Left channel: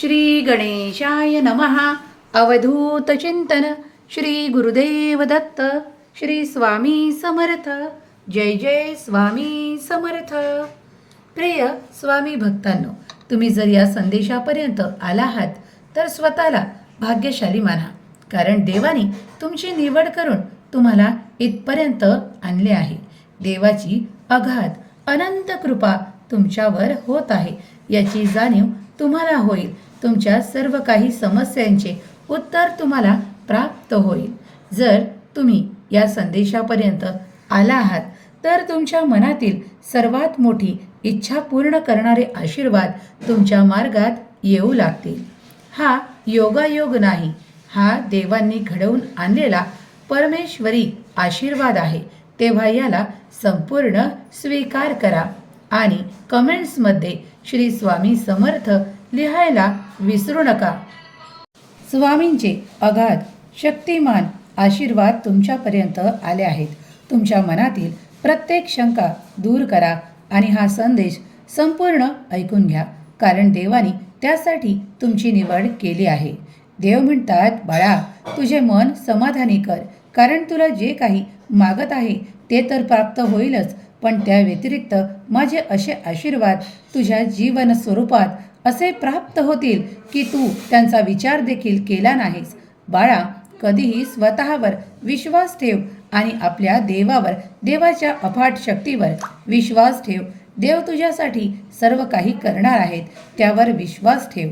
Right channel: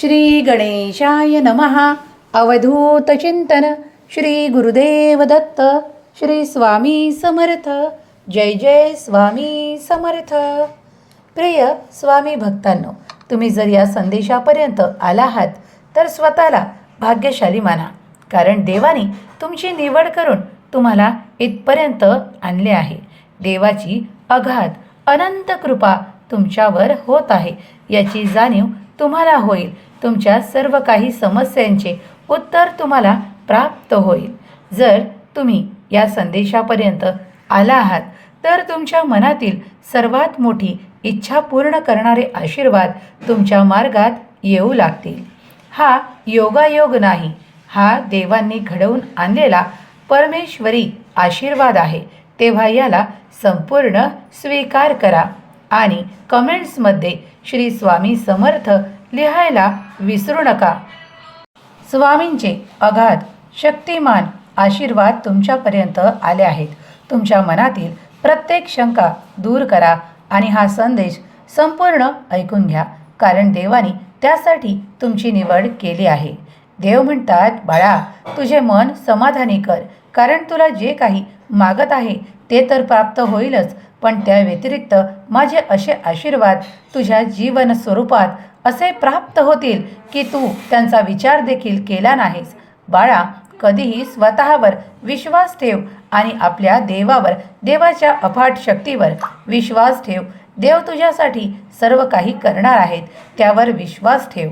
श्री गणेशाय नमः. अवधूत चिंतन. श्री गुरुदेव दत्त. श्री स्वामी समर्थ. जय जय स्वामी समर्थ. प्रिय स्वामी भक्तांनो तुम्ही जर या संदेशापर्यंत आला आहात तर स्वतःला भाग्यशाली माना. कारण देवाने तुमची निवड करून तुम्हाला इथपर्यंत आणले आहे. देवाची अगाध अनंत कृपा तुमच्यावर होत आहे. याची जाणीव तुम्हाला होईल. तुमच्या सर्व काही समस्यांचे उत्तर तुम्हाला प्राप्त होईल. जर तुम्ही या संदेशापर्यंत आला आहात तर तुमच्या मनातील सर्वात मोठी इच्छा पूर्ण करणारे आशीर्वाद तुमच्या मार्गात येऊ लागतील. हा योगायोग नाही हा देवांनी घडवून आणलेला परमेश्वरी आशीर्वाद आहे. तेव्हा याला संपूर्ण स्वीकार करा आणि कमेंट्समध्ये श्री स्वामी समर्थ लिहायला विसरू नका. स्वामींचे अगाध शक्तिमान आशीर्वाद तुमच्यापर्यंत आले आहेत. तुमच्या मनातील प्रत्येक शंका दूर करा आणि हा संदेश संपूर्ण ऐकून घ्या कारण देवाने त्यासाठी तुमची निवड केली आहे. देव म्हणतात बाळा तुझे मन समाधानी कर कारण तुला जे काही मागत आहे ते तर प्राप्त होईलच पण त्या व्यतिरिक्त माझे असे आशीर्वाद तुझ्या जीवन स्वरूपात असे प्राप्त होतील की तू त्यांचा विचार देखील केला नाहीस. बाळा कधीही स्वतःवर विश्वास ठेव आणि आपल्या देवावर देवाच्या अफाट शक्तीवर विश्वास ठेव. देव तुझ्यासाठी सर्व काही करणार आहेत त्यावर विश्वास ठेव.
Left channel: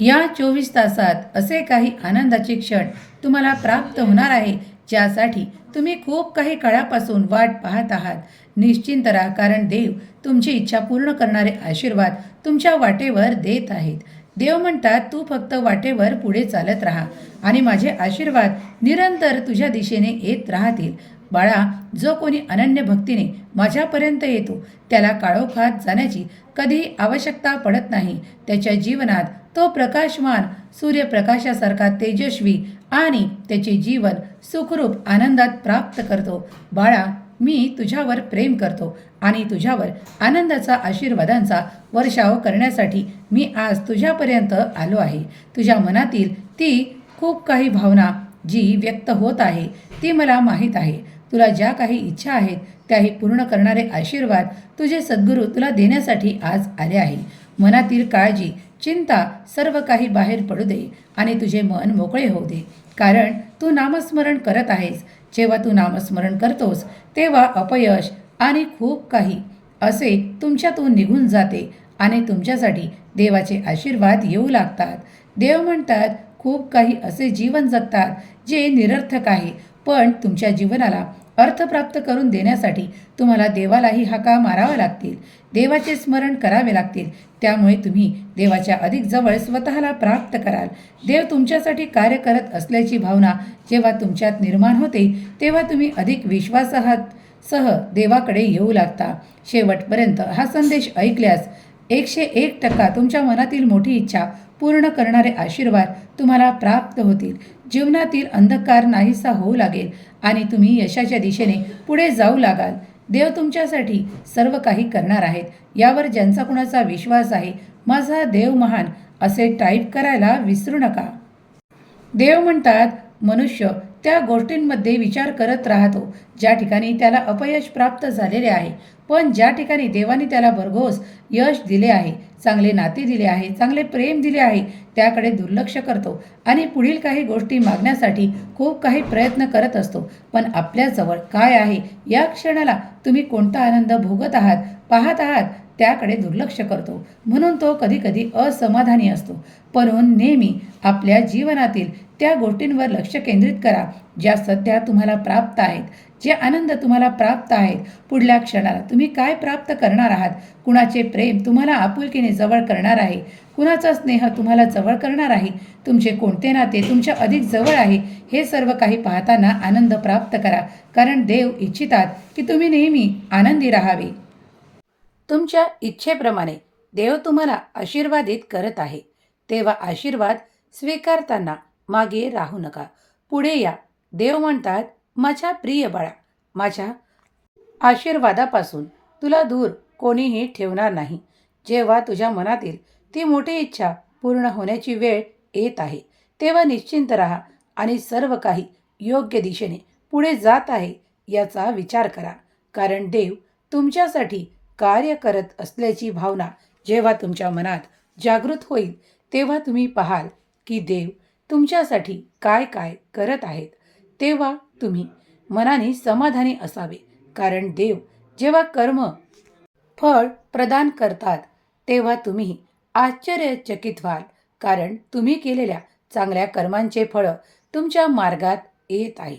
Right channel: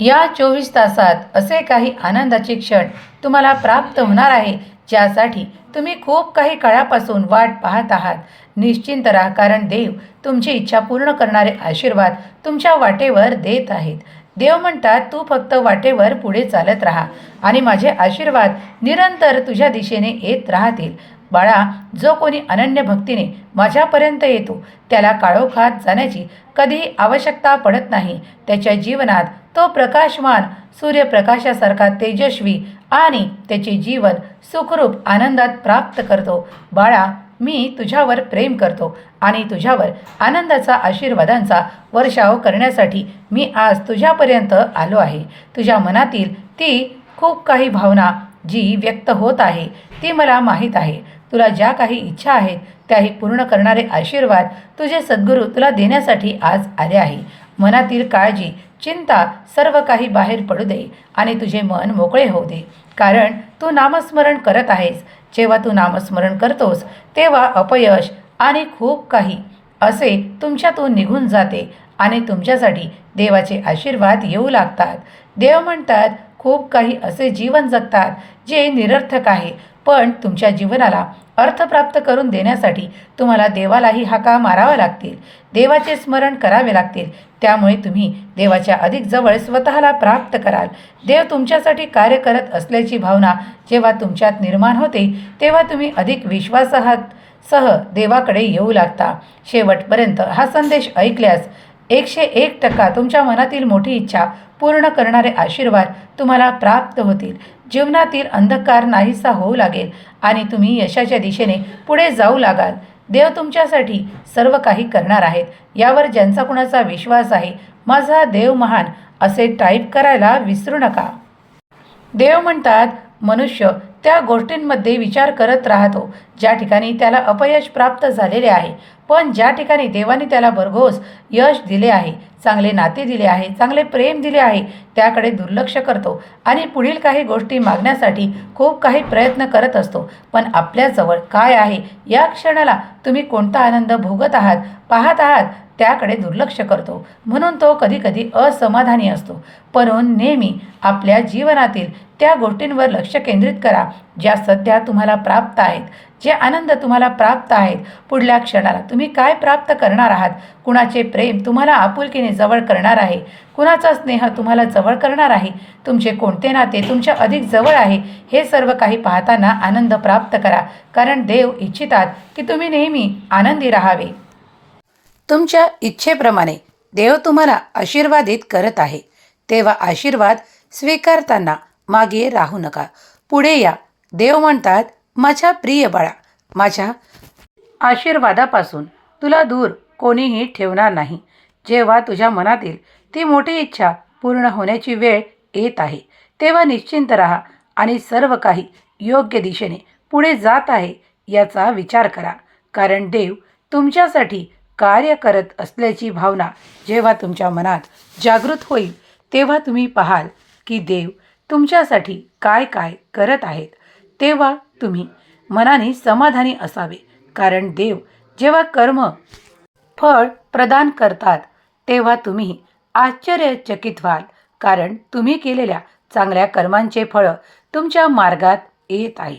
या चोवीस तासात असे काही आनंदाचे क्षण तुम्हाला प्राप्त होणार आहे ज्यासाठी तुम्ही खूप काही काळापासून वाट पाहत आहात. निश्चिंत राहा कारण देव तुमची इच्छा पूर्ण करणारे आशीर्वाद तुमच्या वाटेवर देत आहेत. देव म्हणतात तू फक्त वाटेवर पुढे चालत राहा आणि माझे आशीर्वाद निरंतर तुझ्या दिशेने येत राहतील. बाळा जो कोणी अनन्य भक्तीने माझ्यापर्यंत येतो त्याला काळोखात जाण्याची कधीही आवश्यकता पडत नाही. त्याच्या जीवनात तो प्रकाशमान सूर्यप्रकाशासारखा तेजस्वी आणि त्याचे जीवन सुखरूप आनंदात प्राप्त करतो. बाळा मी तुझ्यावर प्रेम करतो आणि तुझ्यावर आनंदाचा आशीर्वादांचा वर्षाव करण्यासाठी मी आज तुझ्यापर्यंत आलो आहे. तुझ्या मनातील ती खूप काही भावना जी व्यक्त होत आहे ती मला माहीत आहे. तुला ज्या काही इच्छा आहेत त्याही पूर्ण करणारे आशीर्वाद तुझे सद्गुरू तुला देण्यासाठी आज आले आहे. मनातील काळजी चिंता सर्व काही बाहेर पडू दे आणि तुझे मन मोकळे होऊ दे. कारण तू नामस्मरण करत आहेस. जेव्हा तू नामस्मरण करतोस तेव्हा अपयश आणि खूप काही असे तुमच्यातून निघून जाते आणि तुमच्यासाठी देवाचे आशीर्वाद येऊ लागतात. देव म्हणतात खूप काही असे जीवन जगतात जे निरर्थक आहे पण तुमच्या जीवनाला अर्थ प्राप्त करून देण्यासाठी तुम्हाला देवालाही हाका मारावा लागतील. देवाचे स्मरण करावे लागतील. त्यामुळे तुम्ही देवाच्या अधिक जवळ स्वतःला प्राप्त कराल. देव तुमच्यासाठी कार्य करत असल्याची भावना जेव्हा तुमच्यात निर्माण होते तेव्हा तुम्ही अधिक विश्वासाहात सह देवाकडे येऊ लागता. शेवटपर्यंत हा संदेश ऐकल्यास एकशे एक टक्का तुमच्या मनातील मोठी इच्छा पूर्ण करणारे आशीर्वाद तुम्हाला प्राप्त होतील. जीवनातील अंधकार नाहीसा होऊ लागेल आणि तुम्ही यशाच्या दिशेने पुढे जाऊ लागाल. देव तुमच्यासाठी सर्व काही करणार आहेत. यावर ज्यांचा कुणाचा विश्वास आहे माझा देव महान असे टाईप करायला विसरू नका. देव म्हणतात मनुष्य त्या गोष्टींमध्ये विचार करत राहतो ज्या ठिकाणी त्याला अपयश प्राप्त झालेले आहे. पण ज्या ठिकाणी देवाने त्याला भरघोस यश दिले आहे चांगले नाते दिले आहे चांगले प्रेम दिले आहे त्याकडे दुर्लक्ष करतो आणि पुढील काही गोष्टी मागण्यासाठी खूप काही प्रयत्न करत असतो. पण आपल्याजवळ काय आहे? या क्षणाला तुम्ही कोणता आनंद भोगत आहात पाहत आहात त्याकडे दुर्लक्ष करतो. म्हणून तो कधीकधी असमाधानी असतो. पण नेहमी आपल्या जीवनातील त्या गोष्टींवर लक्ष केंद्रित करा ज्या सध्या तुम्हाला प्राप्त आहेत जे आनंद तुम्हाला प्राप्त आहेत. पुढल्या क्षणाला तुम्ही काय प्राप्त करणार आहात? कुणाचे प्रेम तुम्हाला आपुलकीने जवळ करणार आहे? कुणाचा स्नेह तुम्हाला जवळ करणार आहे? तुमचे कोणते नाते तुमच्या अधिक जवळ आहे? हे सर्व काही पाहताना आनंद प्राप्त करा कारण देव इच्छितात की तुम्ही नेहमी आनंदी राहावे. तुमच्या इच्छेप्रमाणे देव तुम्हाला आशीर्वादित करत आहे. तेव्हा आशीर्वाद स्वीकारताना मागे राहू नका. पुढे या. देव म्हणतात माझ्या प्रिय बाळा माझ्या आशीर्वादापासून तुला दूर कोणीही ठेवणार नाही. जेव्हा तुझ्या मनातील ती मोठी इच्छा पूर्ण होण्याची वेळ येत आहे. तेव्हा निश्चिंत राहा आणि सर्व काही योग्य दिशेने पुढे जात आहे याचा विचार करा. कारण देव तुमच्यासाठी कार्य करत असल्याची भावना जेव्हा तुमच्या मनात जागृत होईल तेव्हा तुम्ही पाहाल की देव तुमच्यासाठी काय काय करत आहेत तेव्हा तुम्ही मनाने समाधानी असावे. कारण देव जेव्हा कर्म फळ प्रदान करतात तेव्हा तुम्ही आश्चर्यचकित व्हाल. कारण तुम्ही केलेल्या चांगल्या कर्मांचे फळं तुमच्या मार्गात येत आहे.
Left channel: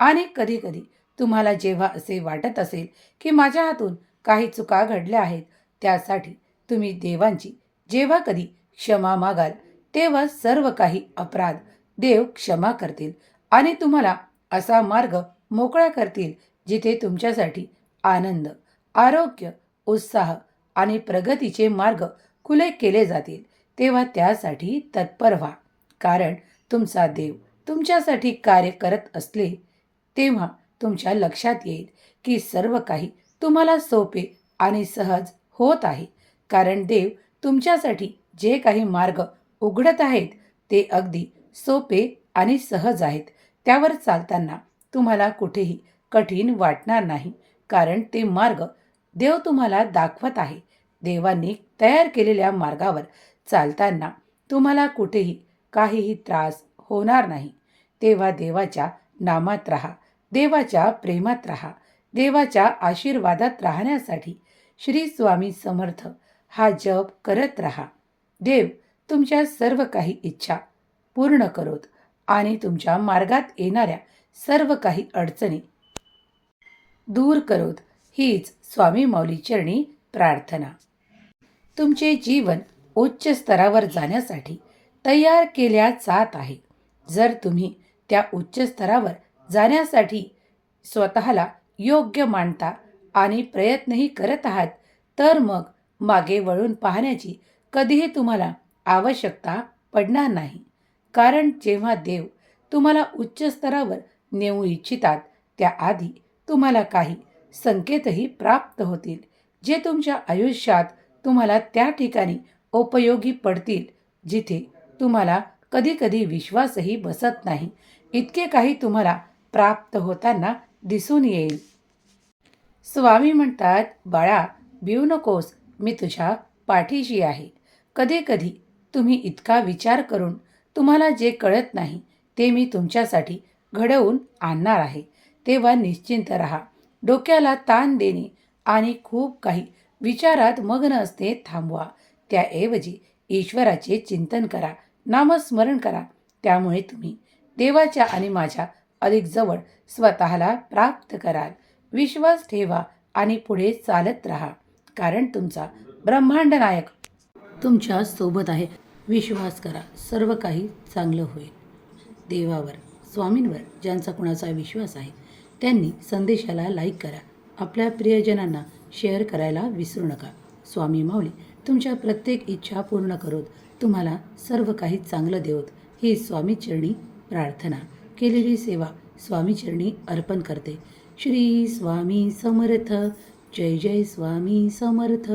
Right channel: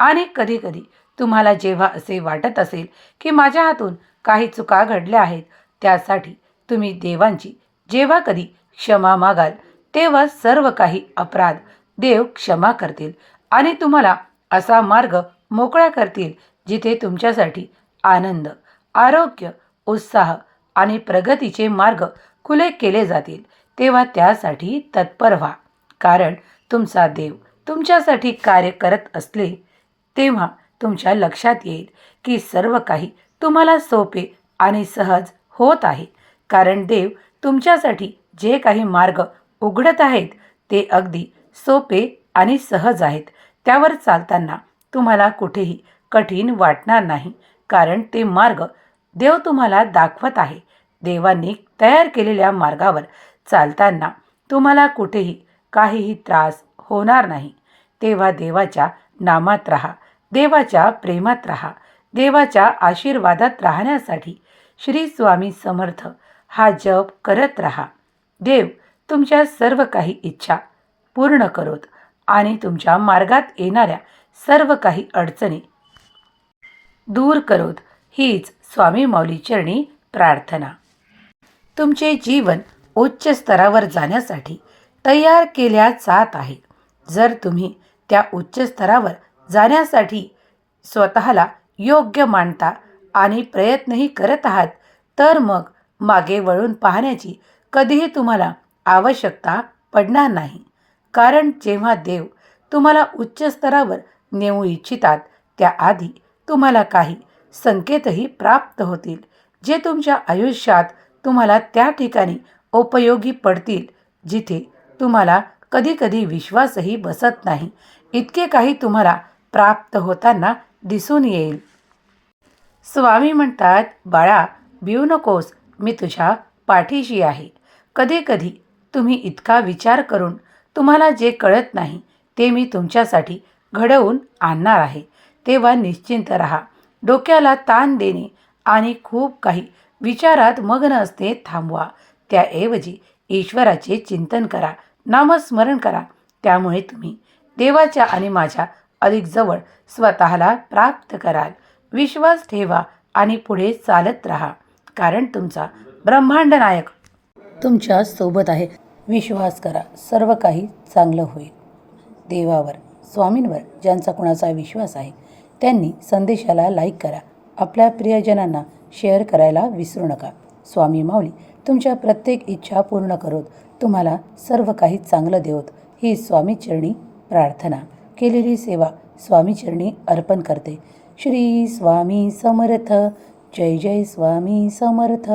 आणि कधीकधी तुम्हाला जेव्हा असे वाटत असेल की माझ्या हातून काही चुका घडल्या आहेत त्यासाठी तुम्ही देवांची जेव्हा कधी क्षमा मागाल तेव्हा सर्व काही अपराध देव क्षमा करतील आणि तुम्हाला असा मार्ग मोकळा करतील जिथे तुमच्यासाठी आनंद आरोग्य उत्साह आणि प्रगतीचे मार्ग खुले केले जातील तेव्हा त्यासाठी तत्पर व्हा. कारण तुमचा देव तुमच्यासाठी कार्य करत असले तेव्हा तुमच्या लक्षात येईल की सर्व काही तुम्हाला सोपे आणि सहज होत आहे. कारण देव तुमच्यासाठी जे काही मार्ग उघडत आहेत ते अगदी सोपे आणि सहज आहेत. त्यावर चालताना तुम्हाला कुठेही कठीण वाटणार नाही कारण ते मार्ग देव तुम्हाला दाखवत आहे. देवांनी तयार केलेल्या मार्गावर चालताना तुम्हाला कुठेही काहीही त्रास होणार नाही. तेव्हा देवाच्या नामात राहा देवाच्या प्रेमात राहा देवाच्या आशीर्वादात राहण्यासाठी श्री स्वामी समर्थ हा जप करत राहा. देव तुमच्या सर्व काही इच्छा पूर्ण करोत आणि तुमच्या मार्गात येणाऱ्या सर्व काही अडचणी दूर करोत. हीच स्वामी माऊली चरणी प्रार्थना. तुमचे जीवन उच्च स्तरावर जाण्यासाठी तयार केल्या जात आहे. जर तुम्ही त्या उच्च स्तरावर जाण्यासाठी स्वतःला योग्य मानता आणि प्रयत्नही करत आहात तर मग मागे वळून पाहण्याची कधीही तुम्हाला आवश्यकता पडणार नाही. कारण जेव्हा देव तुम्हाला उच्च स्तरावर नेऊ इच्छितात त्याआधी तुम्हाला काही संकेतही प्राप्त होतील जे तुमच्या आयुष्यात तुम्हाला त्या ठिकाणी उपयोगी पडतील जिथे तुम्हाला कधीकधी विश्वासही बसत नाही. इतके काही तुम्हाला प्राप्त होताना दिसून येईल. स्वामी म्हणतात बाळा भिऊ नकोस मी तुझ्या पाठीशी आहे. कधीकधी तुम्ही इतका विचार करून तुम्हाला जे कळत नाही ते मी तुमच्यासाठी घडवून आणणार आहे. तेव्हा निश्चिंत राहा. डोक्याला ताण देणे आणि खूप काही विचारात मग्न असते थांबवा. त्याऐवजी ईश्वराचे चिंतन करा नामस्मरण करा. त्यामुळे तुम्ही देवाच्या आणि माझ्या अधिक जवळ स्वतःला प्राप्त कराल. विश्वास ठेवा आणि पुढे चालत राहा कारण तुमचा ब्रह्मांड नायक तुमच्यासोबत आहे. विश्वास करा सर्व काही चांगलं होईल. देवावर स्वामींवर ज्यांचा कुणाचा विश्वास आहे त्यांनी संदेशाला लाईक करा. आपल्या प्रियजनांना शेअर करायला विसरू नका. स्वामी माऊली तुमच्या प्रत्येक इच्छा पूर्ण करोत. तुम्हाला सर्व काही चांगलं देवत. ही स्वामीचरणी प्रार्थना. केलेली सेवा स्वामीचरणी अर्पण करते. श्री स्वामी समर्थ. जय जय स्वामी समर्थ.